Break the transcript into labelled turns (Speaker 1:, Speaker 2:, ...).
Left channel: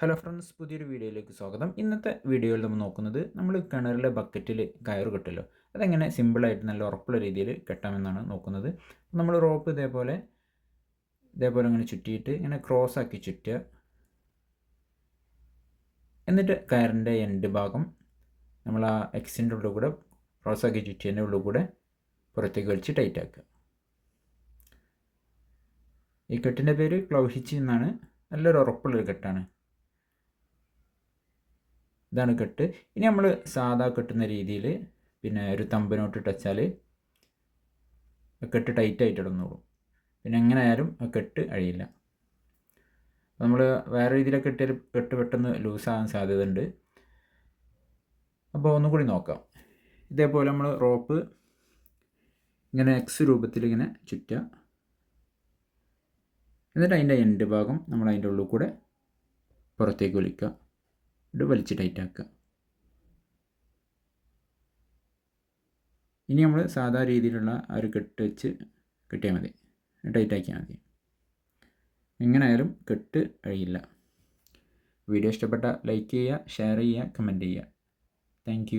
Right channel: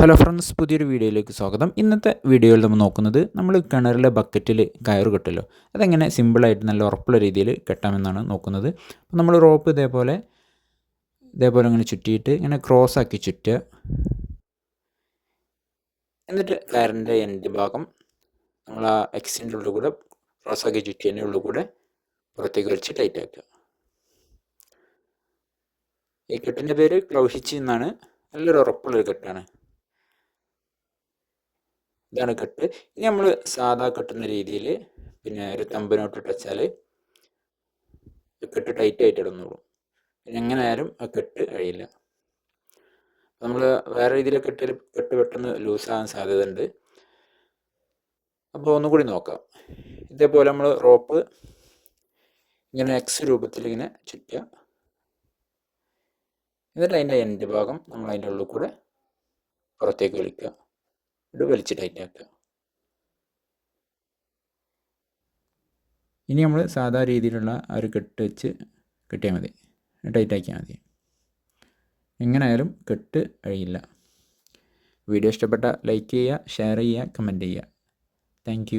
Speaker 1: Hello friends പുതിയൊരു വീഡിയോയിലേക്ക് സ്വാഗതം. ഇന്നത്തെ വീഡിയോയിൽ നമ്മൾ നോക്കുന്നത് നമ്മൾ കിണറിലെ ബക്കറ്റിൽ കയറ് കെട്ടല്ലോ അതെങ്ങനെ സിമ്പിളായിട്ട് നല്ല ഉറപ്പുള്ള രീതിയിൽ കെട്ടാമെന്നാണ് നോക്കുന്നത്. അപ്പോൾ നമ്മൾ റോപ്പ് ഇതേപോലെ ഇതേപോലെ ഇങ്ങനെ ചുറ്റിയിട്ട് ഇങ്ങനെ ക്രോസ് ആക്കി ചുറ്റുക. എന്നിട്ട് കയറിന്റെ എൻഡ് ഭാഗം നമ്മൾ ആ എക്സിന്റെ ഉള്ളിൽ കൂടെ ക്രോസ് ആക്കി ചുറ്റിയതിന്റെ ഉള്ളിൽ കൂടെ പുറത്തേക്ക് വലിച്ച് ടൈറ്റ് ആക്കുക. ഈ കെട്ടിന്റെ പേര് ക്ലൗഹിച്ച് എന്നാണ്. നല്ലൊരു ഉറപ്പുള്ളൊരു കെട്ടാണ്. ഇതാണ് കെട്ട്. ഇനി നമ്മൾ സാധാ കെട്ടുന്ന രീതിയിൽ പിന്നെ ഒരു തമ്പിനോട്ട് ടച്ചാൽ കെട്ട് ടൈറ്റ് ആയിട്ട് ഇടുന്നുള്ളൂ പിന്നെ എങ്ങനെ ആയാലും ആ കെട്ട് അഴിയില്ല. നമ്മൾ വേറെ രീതിയിൽ കെട്ടിൽ കെട്ട് പെട്ടെന്ന് ലൂസാകാൻ സാധ്യതയുണ്ട്. അപ്പോൾ ഒന്നുകൂടി നോക്കാം. ഇതേപോലെ നമ്മൾ റോപ്പ് ഇങ്ങനെ എക്സ് രൂപത്തിൽ ഇങ്ങനെ ചുറ്റുക. എന്നിട്ട് അതിന്റെ എൻഡ് ഭാഗം നമ്മൾ അതിന്റെ ഉള്ളിൽ കൂടെ പുറത്തേക്ക് വലിക്കുക. ഇത് വലിച്ച് ടൈറ്റാക്കുക ഇനി നമ്മൾ സാധാ രീതിയിലുള്ള ആ ഒരു കെട്ട് വെച്ച് കെട്ടിയാൽ മതി. ടൈറ്റാക്കിയാൽ മതി. എങ്ങനെയായാലും കെട്ട് കഴിയില്ല. വീഡിയോ ഇഷ്ടപ്പെട്ട ലൈക്ക് ചെയ്യുക ഷെയർ ചെയ്യുക കമന്റ് ചെയ്യുക. താങ്ക്